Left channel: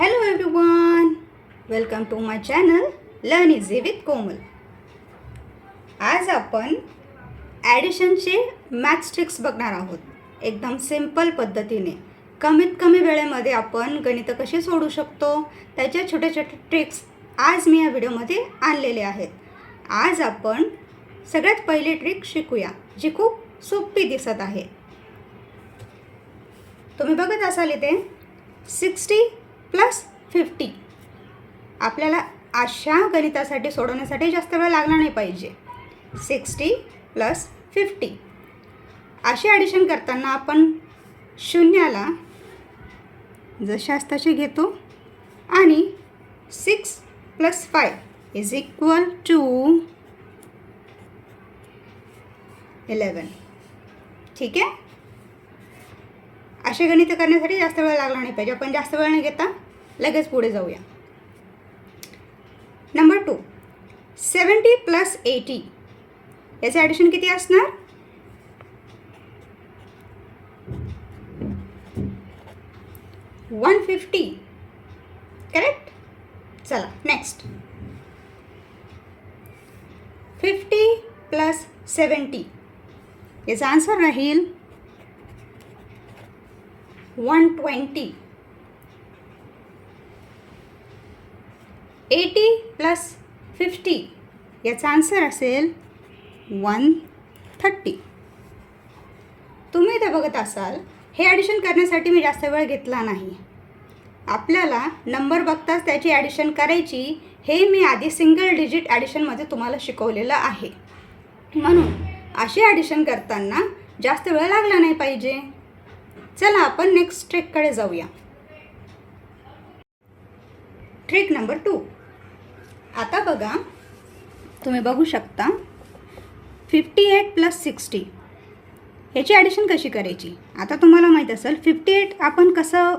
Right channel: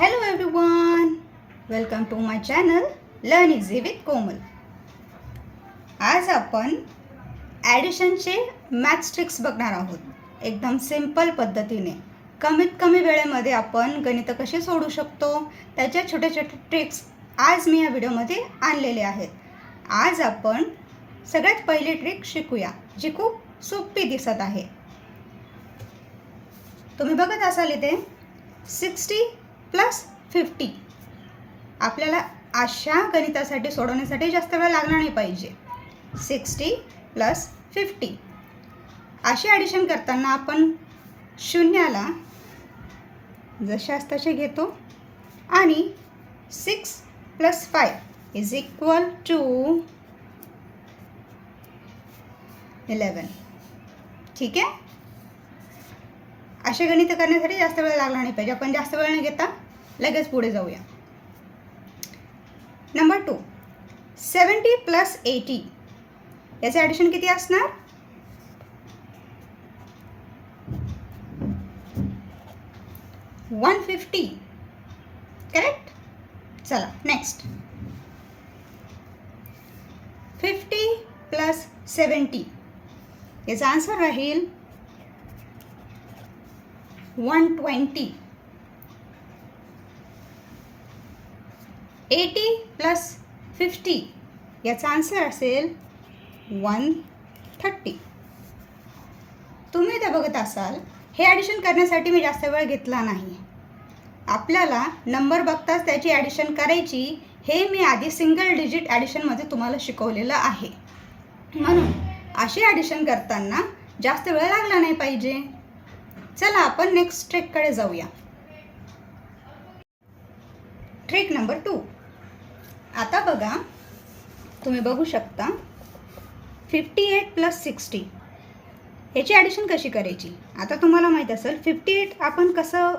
Hello everyone, welcome to my channel Learn Easy with कोमल. आज आपण ॲडिशनचे maths tricks बघणार आहोत. एकदम सिंपल पद्धतीने कमीत कमी वेळेमध्ये आपण गणितं कशी सोडवू शकतो त्याच्या छोटे छोटे ट्रिक्स आज मी या व्हिडिओमध्ये आणलेले आहेत. आज आपण सगळ्यात पहिली ट्रिक शिकूया जी खूप सोपी दिसत आहे. तुम्ही बघत असाल इथे 60 + 50. आपल्याला अशा गणितासाठी सोडवण्यासाठी जास्त वेळ लागणार नाही पाहिजे. 60 + 50 अशी ॲडिशन करताना आपण शून्याला जशास तसे घेतो आणि 6 + 5 = 11. ठीक आहे. असे गणित करण्यासाठी जास्त वेळ लागला नाही पाहिजे. आपण जास्त वेळ न घेता लगेच पुढे जाऊया. नंबर 2, 70 + 80 याचे ॲडिशन किती असणार? 150. करेक्ट. चला नेक्स्ट. 50 + 70 याचा आन्सर राहील 120. 80 + 50 याचा आन्सर असेल 130. तुम्ही इथे बघत असाल हे ॲडिशन करण्यासाठी मी जास्त वेळ घेतला नाही. आपल्याला नंबर बघताच त्याची ॲडिशन करायची हे मी आधी सिंगल डिजिट ॲडिशनमध्ये तुम्हाला शिकवलेलं आहे. म्हणून अशी ॲडिशन करताना जास्त वेळ लागला नाही पाहिजे. चला आपण नेक्स्ट ट्रिककडे जाऊया. Trick number 2. आता बघा, तुम्ही बघू शकता 58 + 60 याची ॲडिशन कशी करायची. आता तुम्हाला माहीत असेल 58 आपण कसं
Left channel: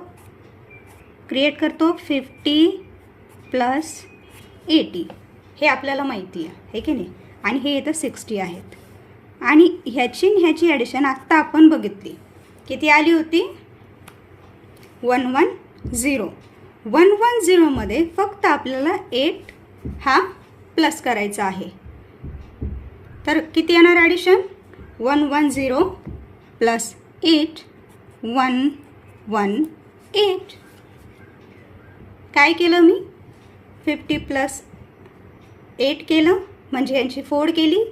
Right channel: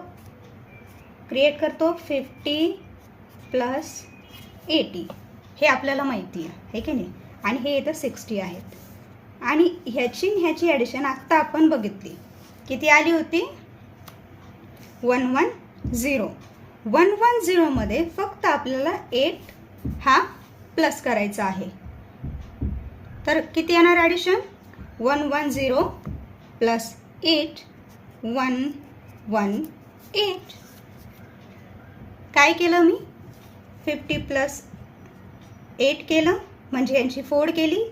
क्रिएट करतो. 50 + 80 हे आपल्याला माहिती आहे, हे की नाही. आणि हे येतं 60 आहेत. आणि ह्याची ॲडिशन आत्ता आपण बघितली किती आली होती. 110. 110 मध्ये फक्त आपल्याला 8 हा प्लस करायचा आहे. तर किती येणार ॲडिशन? 110 + 8 118. काय केलं मी? 50 + 8 केलं, म्हणजे यांची फोड केली.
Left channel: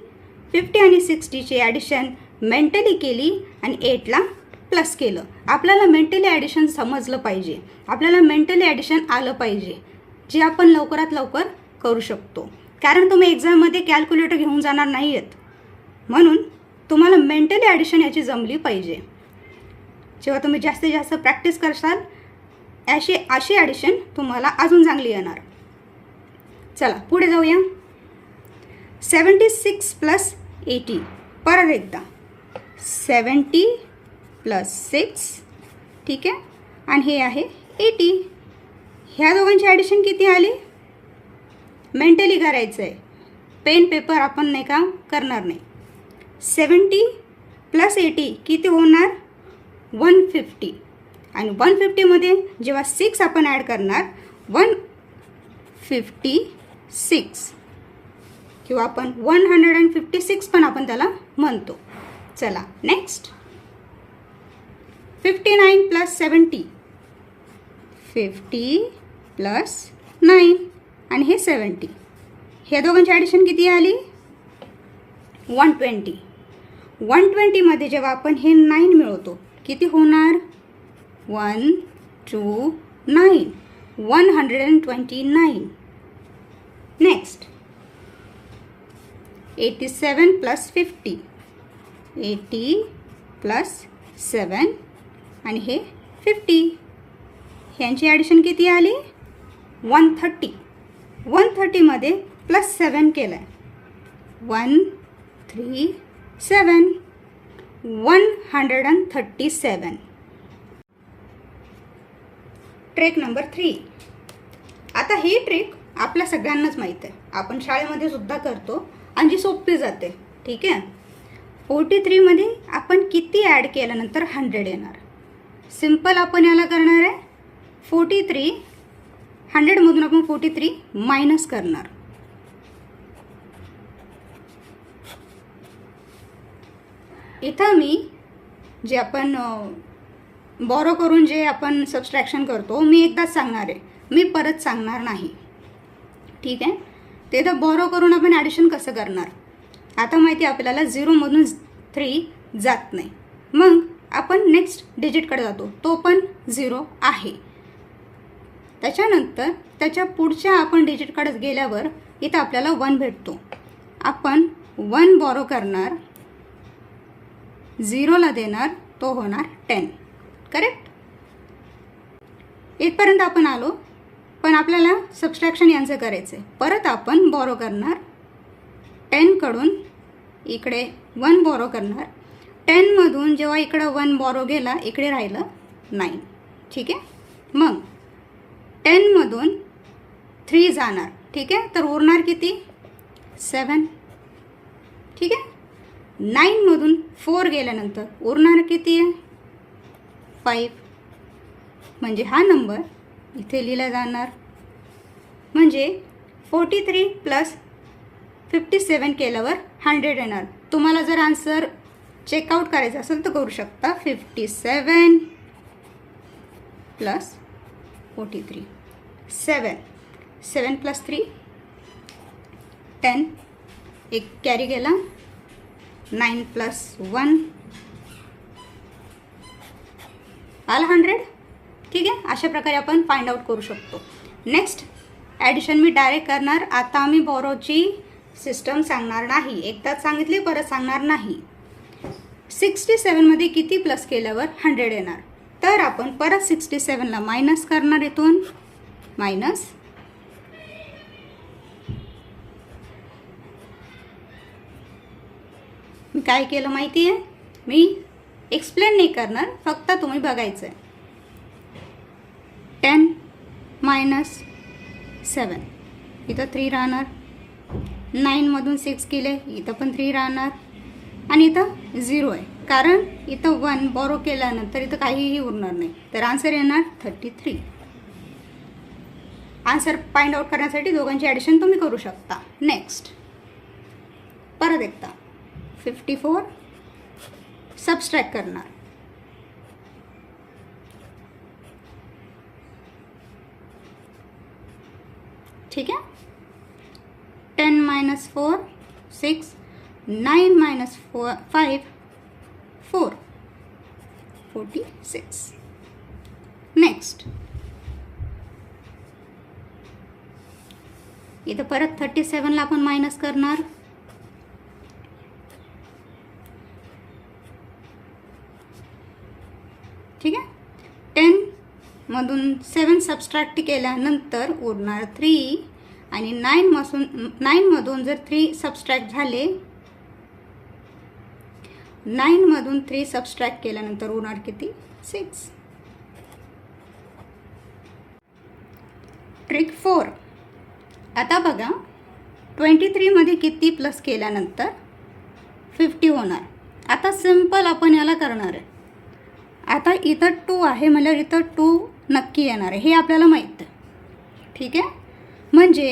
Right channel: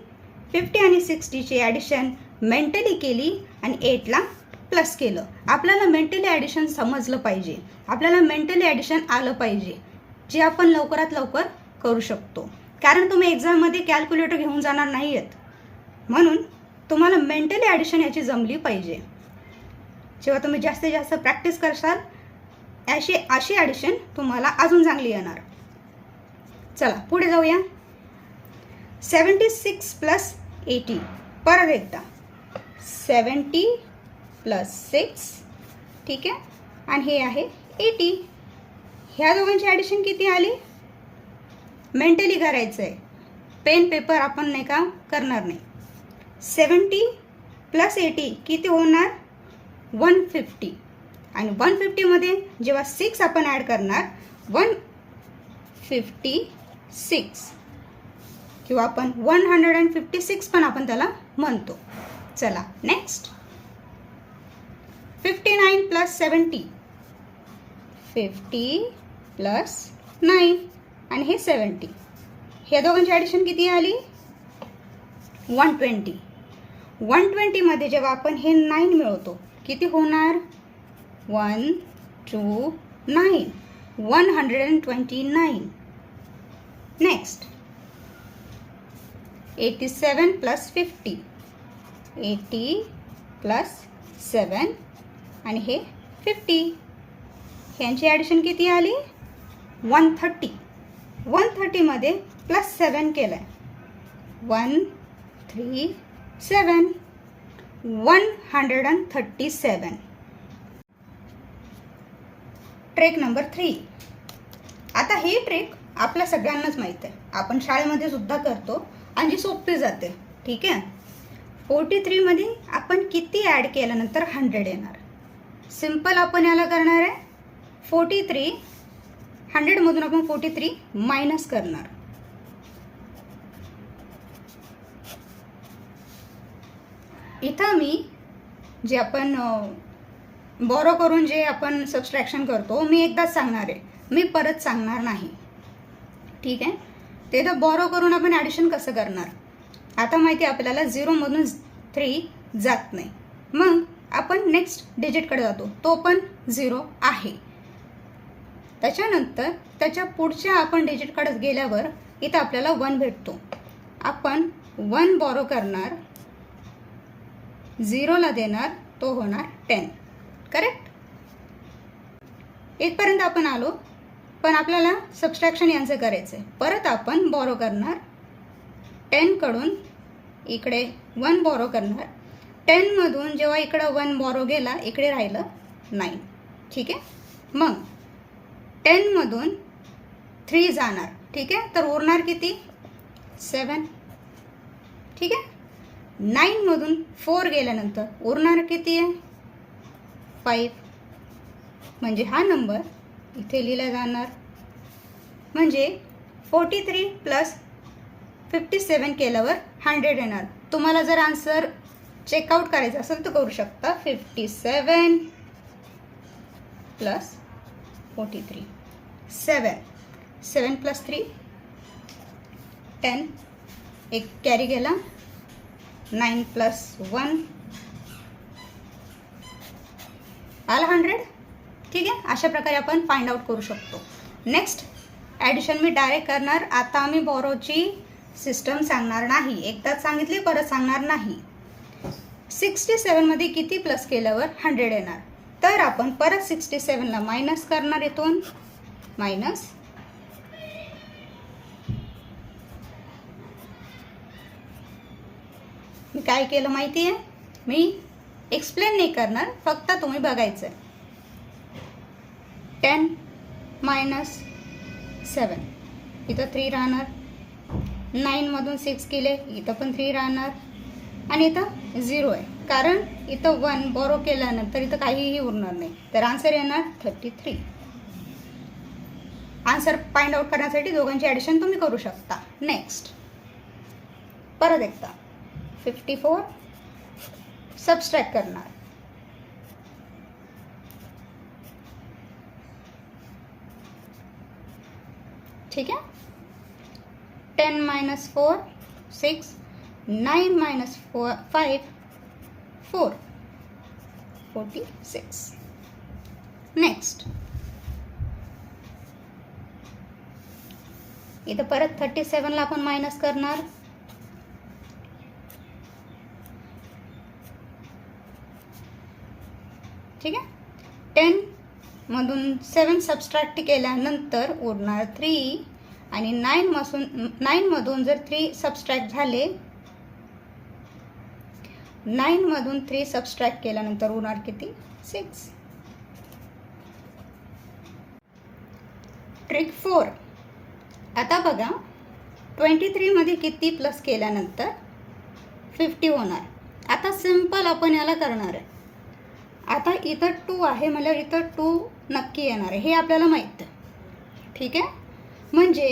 50 आणि 60ची ॲडिशन मेंटली केली आणि 8ला प्लस केलं. आपल्याला मेंटली ॲडिशन समजलं पाहिजे, आपल्याला मेंटली ॲडिशन आलं पाहिजे, जे आपण लवकरात लवकर करू शकतो. कारण तुम्ही एक्झाममध्ये कॅल्क्युलेटर घेऊन जाणार नाही आहेत, म्हणून तुम्हाला मेंटली ॲडिशन याची जमली पाहिजे. जेव्हा तुम्ही जास्तीत जास्त प्रॅक्टिस करसाल अशी ॲडिशन तुम्हाला अजून चांगली येणार. चला पुढे जाऊया. 76 + 80 परत एकदा 70 + 6. ठीक आहे. आणि हे आहे 80. ह्या दोघांची ॲडिशन किती आली? मेंटली करायचं आहे, पेन पेपर आपण नाही का करणार नाही. 70 + 80 किती होणार? 150. आणि 150मध्ये जेव्हा 6 आपण ॲड करणार 156 किंवा आपण 156 पण आपण त्याला म्हणतो. चला नेक्स्ट. 59 + 70 50 + 9 आणि हे 70. ह्या दोघांची ॲडिशन किती आली? 120. 120मध्ये जेव्हा आपण हे 9 मिळवतो किती होणार? 129. 129. नेक्स्ट. 87 + 50 80 + 7 आणि हे 50. ह्यांची ॲडिशन किती आली? 130. 130मध्ये +7 केलं आहे. 137. 137. Trick number 3. आता हे ट्रिक आपल्या सगळ्यांनाच माहीत आहे, आपण शाळेमध्ये सुद्धा करतो आणि जी सोपी जाते. ठीक आहे. 43मध्ये आपण किती ॲड केल्यानंतर 100 येणार? सिंपल आपण याला करणार आहे 43 100मधून आपण 43 मायनस करणार. इथं मी जे आपण बॉरो करून जे आपण सबस्ट्रॅक्शन करतो मी एकदाच सांगणार आहे, मी परत सांगणार नाही. ठीक आहे. ते इथं बॉरो करून आपण ॲडिशन कसं करणार. आता माहिती आहे आपल्याला 0मधून 3 जात नाही. मग आपण नेक्स्ट डिजिटकडे जातो, तो पण 0 आहे. त्याच्यानंतर त्याच्या पुढच्या आपण डिजिटकडे गेल्यावर इथं आपल्याला 1 भेटतो. आपण 1 बॉरो करणार, 0ला देणार, तो होणार 10. करेक्ट. इथपर्यंत आपण आलो. पण आपल्याला सबस्ट्रॅक्शन यांचं करायचं आहे. परत आपण बॉरो करणार, 10कडून इकडे 1 बॉरो करणार. 10मधून जेव्हा इकडं 1 बॉरो गेला इकडे राहिलं 9. ठीक आहे. मग 10मधून 3 जाणार. ठीक आहे. तर उरणार किती, 7. ठीक आहे. 9मधून 4 गेल्यानंतर उरणार किती आहे, 5. म्हणजे हा नंबर इथे लिहिला जाणार. म्हणजे 43 प्लस 57 केल्यावर 100 येणार. तुम्हाला जर आन्सर चेकआउट करायचं असेल तर करू शकता. 57 प्लस 43, 7 प्लस 3 10, एक कॅरी गेला, 9 प्लस 1 आला 100. ठीक आहे. अशा प्रकारे आपण फाइंड आउट करू शकतो. नेक्स्ट ॲडिशन मी डायरेक्ट करणार. आता आम्ही बॉरोची सिस्टम सांगणार नाही, एकदाच सांगितली परत सांगणार नाही. 67मध्ये किती प्लस केल्यावर 100 येणार. तर आपण परत 67ला मायनस करणार. इथून मायनस, मी काय केलं माहिती आहे, मी एक्सप्लेन नाही करणार, फक्त तुम्ही बघायचं आहे. 10 मायनस 7, इथं 3 राहणार. 9मधून 6 केले, इथं पण 3 राहणार. आणि इथं 0 आहे, कारण इथं 1 बॉरो केल्यानंतर इथं काहीही उरणार नाही. तर आन्सर येणार 33. आन्सर फाइंड आउट करण्यासाठी दोघांची ॲडिशन तुम्ही करू शकता. नेक्स्ट परत एकदा 54 सबस्ट्रॅक्ट करणार. ठीक आहे. 10 मायनस 4 6, 9 मायनस 5 4, 46. नेक्स्ट इथं परत 37ला आपण मायनस करणार. ठीक आहे. 10मधून 7 सबस्ट्रॅक्ट केल्यानंतर उरणार 3. आणि 9मधून जर 3 सबस्ट्रॅक्ट झाले, 9मधून 3 सबस्ट्रॅक्ट केल्यानंतर उरणार किती, 6. ट्रिक 4. आता बघा 23मध्ये किती प्लस केल्यानंतर 50 होणार. आता सिम्पल आपण याला करणार आहे. आता इथं 2 आहे म्हणजे इथं 2 नक्की येणार आहे, हे आपल्याला माहीत आहे. ठीक आहे. म्हणजे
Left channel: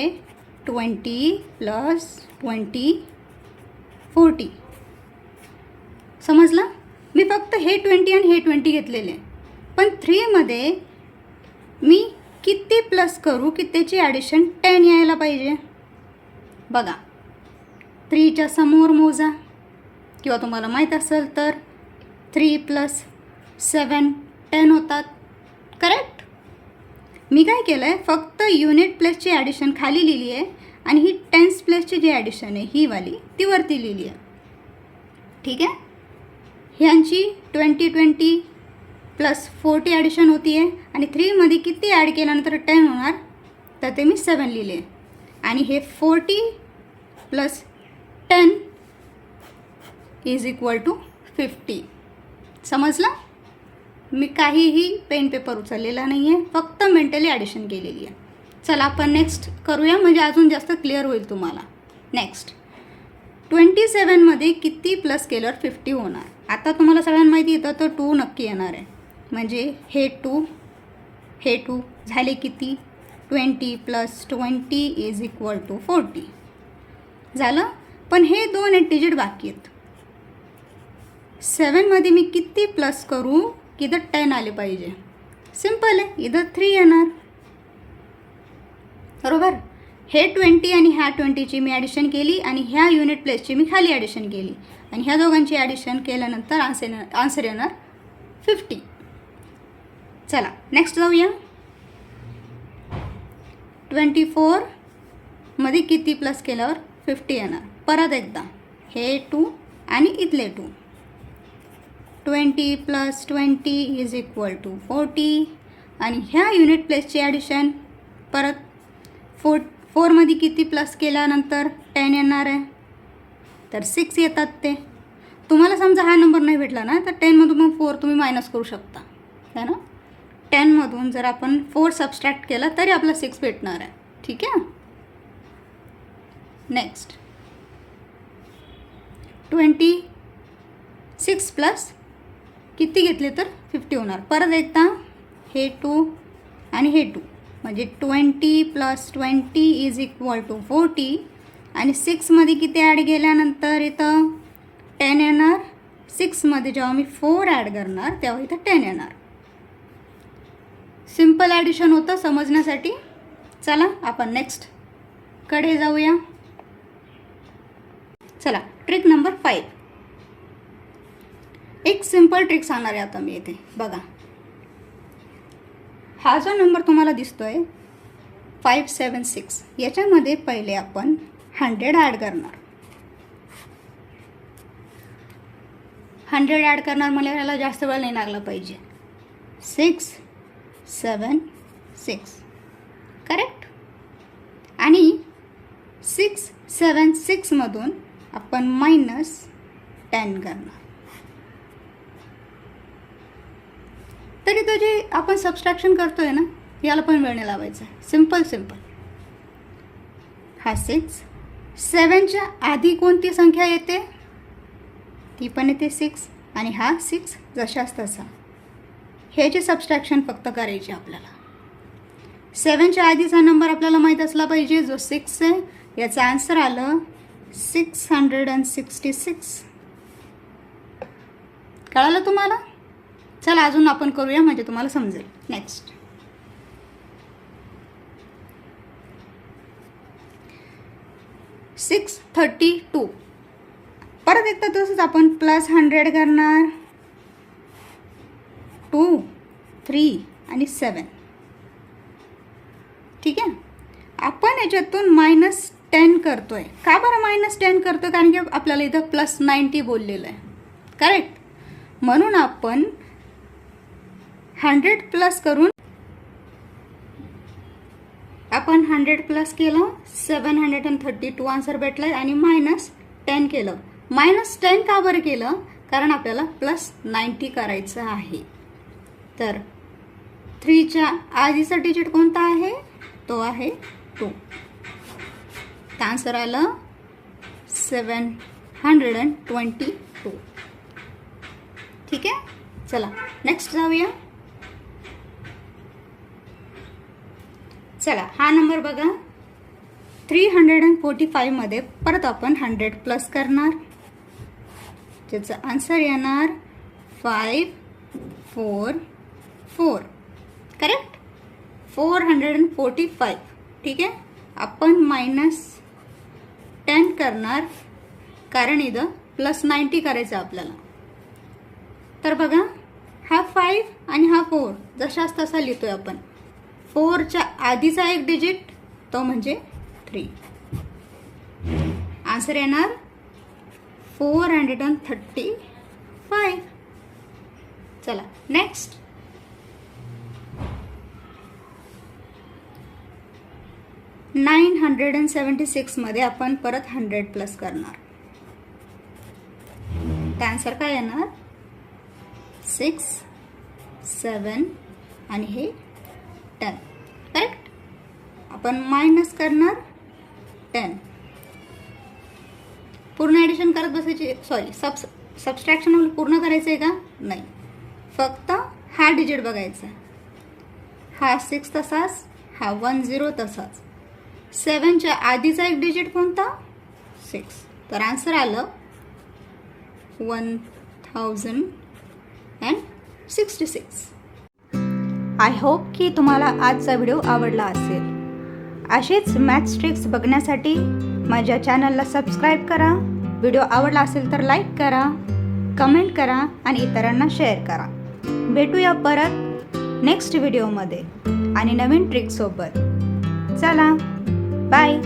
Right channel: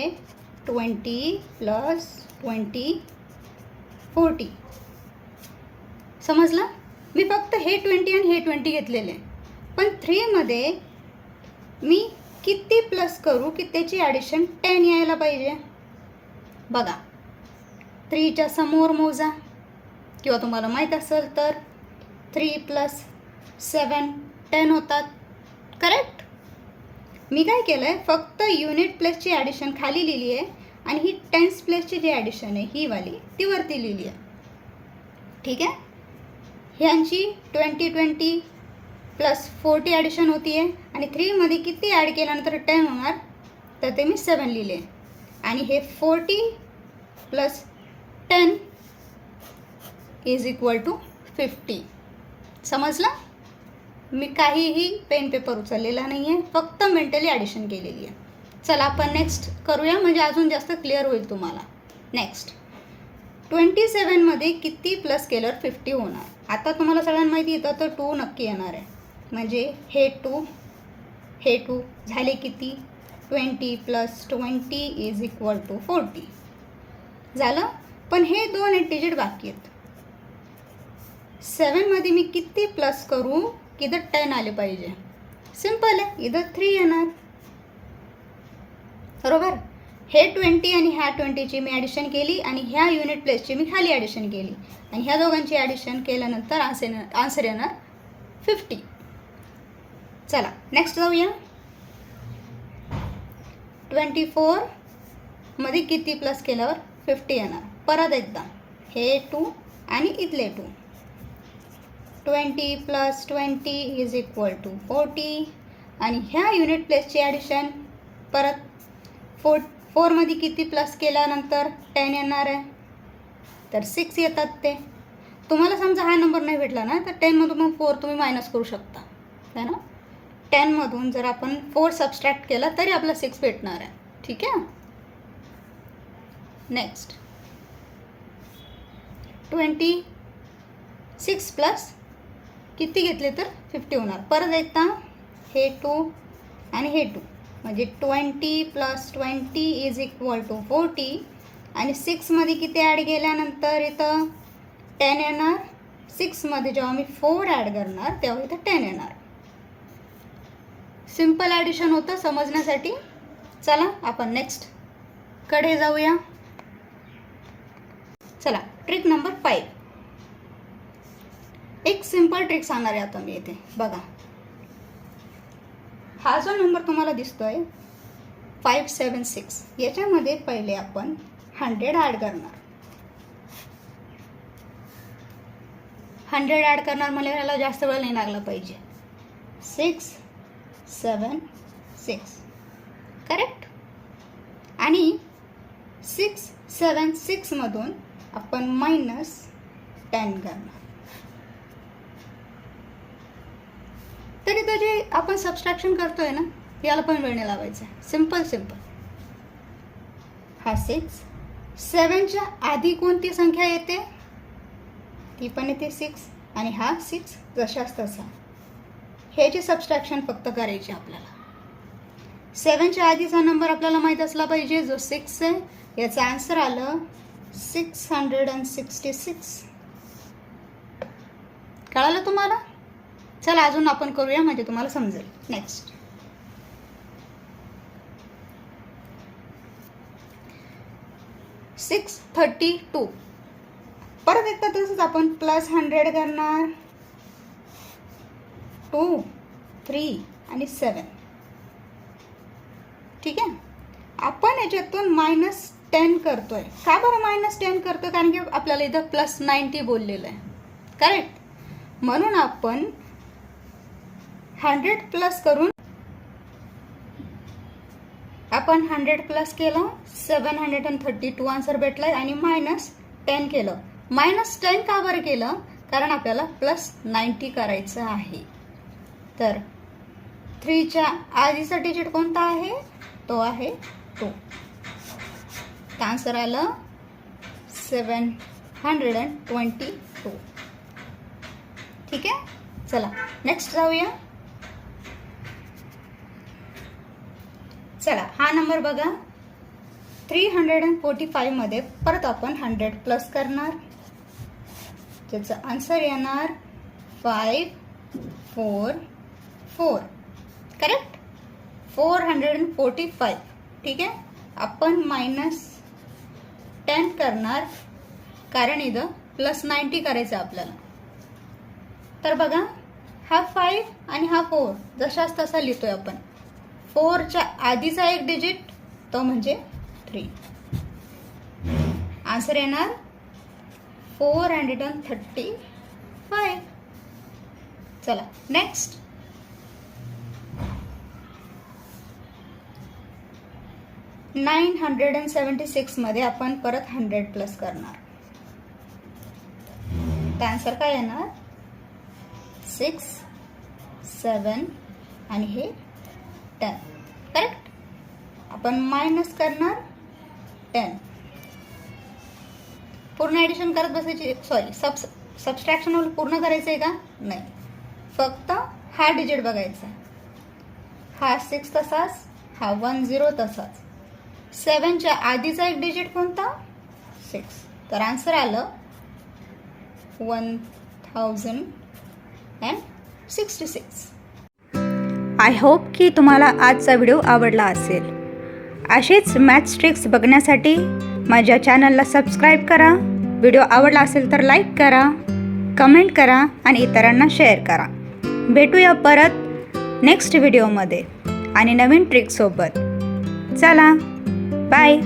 20 प्लस 20 40. समजलं. मी फक्त हे 20 आणि हे 20 घेतलेले. पण 3मध्ये मी किती प्लस करू की त्याची ॲडिशन 10 यायला पाहिजे. बघा 3च्या समोर मोजा, किंवा तुम्हाला माहीत असेल तर 3 प्लस 7 10 होतात. करेक्ट. मी काय केलं आहे, फक्त युनिट प्लेसची ॲडिशन खाली लिहिली आहे आणि ही टेन्स प्लेसची जी ॲडिशन आहे ही वाली ती वरती लिहिली आहे. ठीक आहे. ह्यांची 20 प्लस 40 ॲडिशन होती आहे. आणि 3मध्ये किती ॲड केल्यानंतर 10 होणार, तर ते मी 7 लिहिले आहे. आणि हे 40 प्लस 10 इज इक्वल टू 50. समजलं. मी काहीही पेन पेपर उचललेला नाही आहे, फक्त मेंटली ॲडिशन केलेली आहे. चला आपण नेक्स्ट करूया, म्हणजे अजून जास्त क्लिअर होईल तुम्हाला. नेक्स्ट 27मध्ये किती प्लस केल्यावर 50 होणार. आता तुम्हाला सगळ्यांना माहिती येतं तर 2 नक्की येणार आहे. म्हणजे हे 2 झाले किती 20 + 20 इज इक्वल टू 40 झालं. पण हे 2 डिजिट बाकी आहेत. 7मध्ये मी किती प्लस करू की इथं 10 आले पाहिजे. सिम्पल आहे, इथं 3 येणार बरोबर. हे 20 आणि ह्या 20ची मी ॲडिशन केली आणि ह्या युनिट प्लेसची मी खाली ॲडिशन केली आणि ह्या दोघांची ॲडिशन केल्यानंतर आन्सर येणार 50. चला नेक्स्ट जाऊया. 24मध्ये किती प्लस केल्यावर 50 येणार. परत एकदा हे 2 आणि इथले 2. 20 + 20 इज इक्वल टू 40 आणि ह्या युनिट प्लेसची ॲडिशन परत 4मध्ये किती प्लस केल्यानंतर 10 येणार आहे तर 6 येतात. ते तुम्हाला समजा हा नंबर नाही भेटला ना तर 10मधून मग 4 तुम्ही मायनस करू शकता है ना. 10मधून जर आपण 4 सबस्ट्रॅक्ट केला तरी आपला 6 भेटणार आहे. ठीक आहे. नेक्स्ट 26 प्लस किती घेतले तर 50 होणार. परत एकदा हे 2 आणि हे 2 म्हणजे 20 + 20 इज इक्वल टू 40 आणि 6मध्ये किती ॲड केल्यानंतर इथं 10 येणार. 6मध्ये जेव्हा मी 4 ॲड करणार तेव्हा इथं 10 येणार. सिम्पल ॲडिशन होतं समजण्यासाठी. चला आपण नेक्स्ट कडे जाऊया. चला ट्रिक नंबर 5. एक सिम्पल ट्रिक सांगणार आहे आता मी इथे बघा. हा जो नंबर तुम्हाला दिसतोय 576 याच्यामध्ये पहिले आपण 100 ॲड करणार. 100 ॲड करणार मला याला जास्त वेळ नाही लागला पाहिजे. 6 7 6 करेक्ट. आणि 6 7 6मधून आपण -10 करणार. तरी तो जे आपण सबस्ट्रॅक्शन करतोय ना याला पण वेळ नाही लावायचा. सिम्पल. हा 6 7च्या आधी कोणती संख्या येते ती पण येते 6 आणि हा 6 जशाच तसा. हे जे सबस्ट्रॅक्शन फक्त करायचे आपल्याला. 7च्या आधीचा नंबर आपल्याला माहीत असला पाहिजे जो 6 आहे. याचं आन्सर आलं 666. कळालं तुम्हाला. चला अजून आपण करूया म्हणजे तुम्हाला समजेल. नेक्स्ट 632. परत एकदा तसंच आपण +100 करणार. 2 3 आणि 7. ठीक आहे. आपण याच्यातून -10 करतोय. का बरं -10 करतो कारण की आपल्याला इथं +90 बोललेलं आहे करेक्ट. म्हणून आपण 100 प्लस करून आपण 100 प्लस केलं 732 आन्सर भेटला आणि -10 केलं. -10 का बरं केलं कारण आपल्याला +90 करायचं आहे. तर 3च्या आधीचा डिजिट कोणता आहे तो आहे 2. आन्सर आलं 722. ठीक आहे. चला नेक्स्ट जाऊया. चला हा नंबर बघा 345मध्ये परत आपण 100 प्लस करणार. त्याचं आन्सर येणार 544 करेक्ट. 445. ठीक आहे. आपण -10 करणार कारण इथं +90 करायचं आपल्याला. तर बघा हा 5 आणि हा 4 जशाच तसा लिहितोय आपण. 4च्या आधीचा एक डिजिट तो म्हणजे 3. आन्सर येणार 435. चला नेक्स्ट 976मध्ये आपण परत 100 प्लस करणार. आन्सर काय येणार 6 7 आणि हे 10 करेक्ट. आपण मायनस करणार 10. पूर्ण ॲडिशन करत बसायची सॉरी सबस्ट्रॅक्शन पूर्ण करायचं आहे का नाही. फक्त हा डिजिट बघायचा. हा 6 तसाच हा 10 तसाच. 7च्या आधीचा एक डिजिट कोणता? 6. तर आन्सर आलं 1066. आय होप की तुम्हाला आजचा व्हिडिओ आवडला असेल. असेच मॅथ्स ट्रिक्स बघण्यासाठी माझ्या चॅनलला सबस्क्राईब करा. व्हिडिओ आवडला असेल तर लाईक करा, कमेंट करा आणि इतरांना शेअर करा. भेटूया परत नेक्स्ट व्हिडिओमध्ये आणि नवीन ट्रिकसोबत. चला बाय.